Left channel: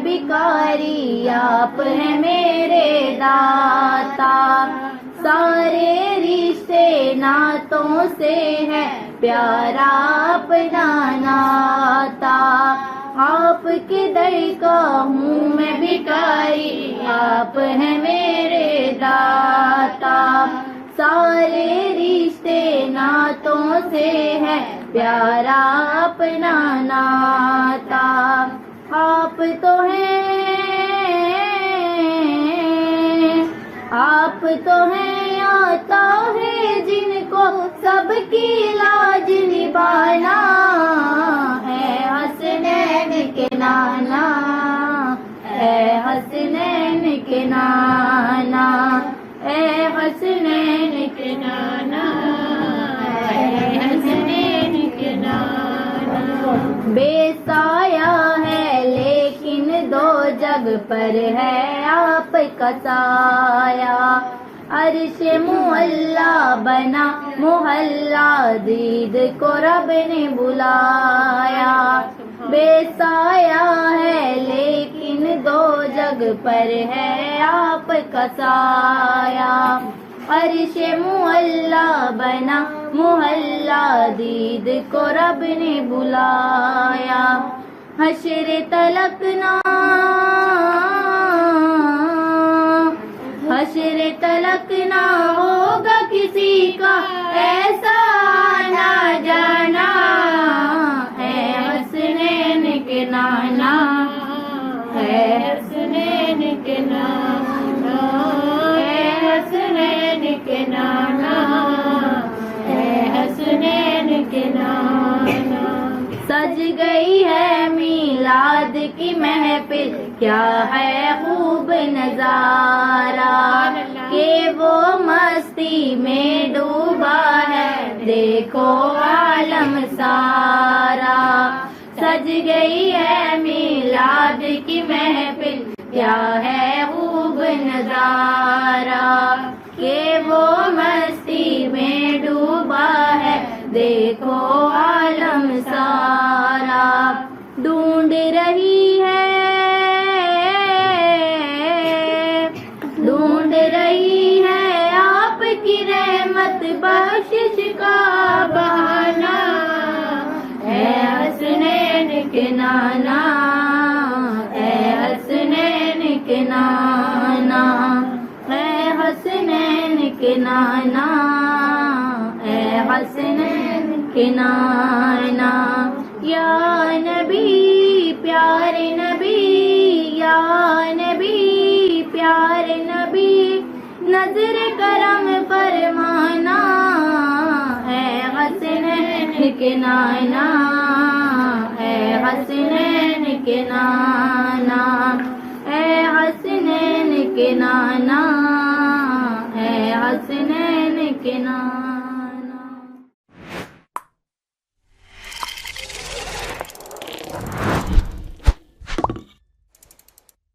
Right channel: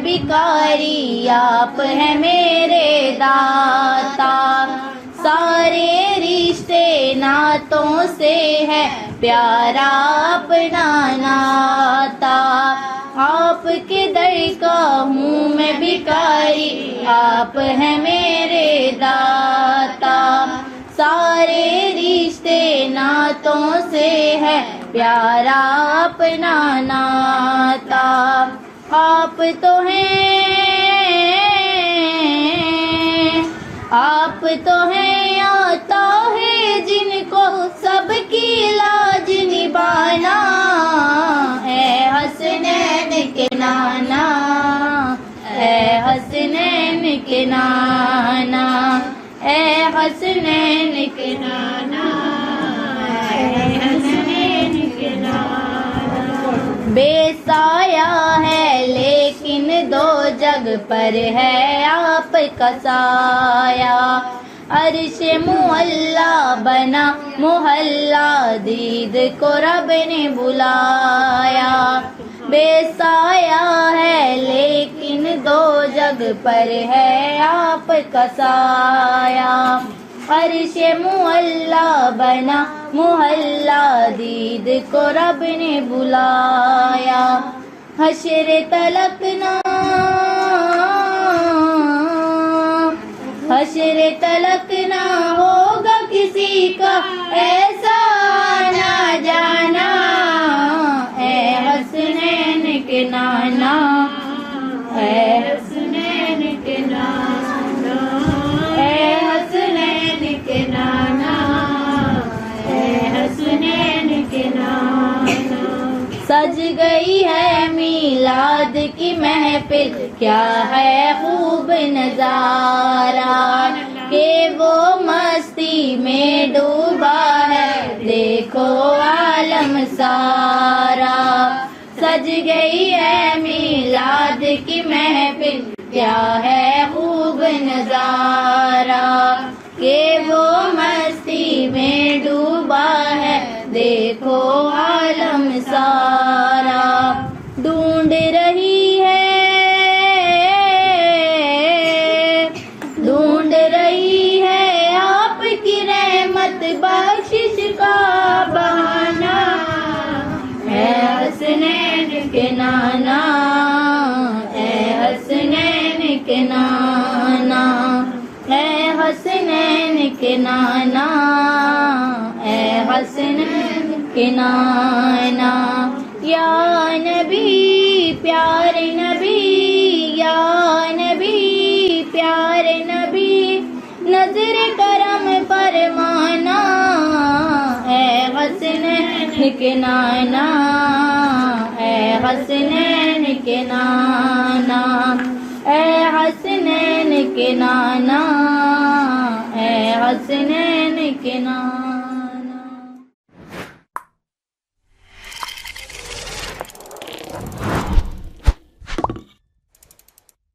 मैं भिखारी, आप है मेरे दाता। सारे रिश्ते नातों से है प्यारा अपना नाता। आपके दर का हूँ मैं भिखारी, आप है मेरे दाता। सारे रिश्ते नातों से है प्यारा अपना नाता। आप तो हैं आता है जिनको सबकी लाज निभाना। है हसनैन के नाना, है हसनैन के नाना, है हसनैन के नाना, है हसनैन के नाना। बेसाया है लेकिन दो जग पर है आपका साया। अर्श मुअल्ला बना मोहल्ला, दीद को रब ने बुलाया। बेसाया है लेकिन दो जग पर है आपका साया। अर्श मुअल्ला बना मोहल्ला, दीद को रब ने बुलाया। हश्र तलक ना, हश्र तलक ना होगा किसी का ऐसा ना जाना। है हसनैन के नाना, है हसनैन के नाना, है हसनैन के नाना, है हसनैन के नाना। सज गई है मीलाद की महफिल, क्या है खूब नजारा। के वो मस्ती में डूबा है देखो आलम सारा। सज गई है मीलाद की महफिल, क्या है खूब नजारा। के वो मस्ती में डूबा है देखो आलम सारा। ढूंढ रही है आपकी रहमत बख्शिश का बहाना। है हसनैन के नाना, है हसनैन के नाना, है हसनैन के नाना, है हसनैन के नाना। या नबी प्यारे नबी, या नबी प्यारे नबी, नजर करम फरमाना। है हसनैन के नाना, है हसनैन के नाना, है हसनैन के नाना, है हसनैन के नाना।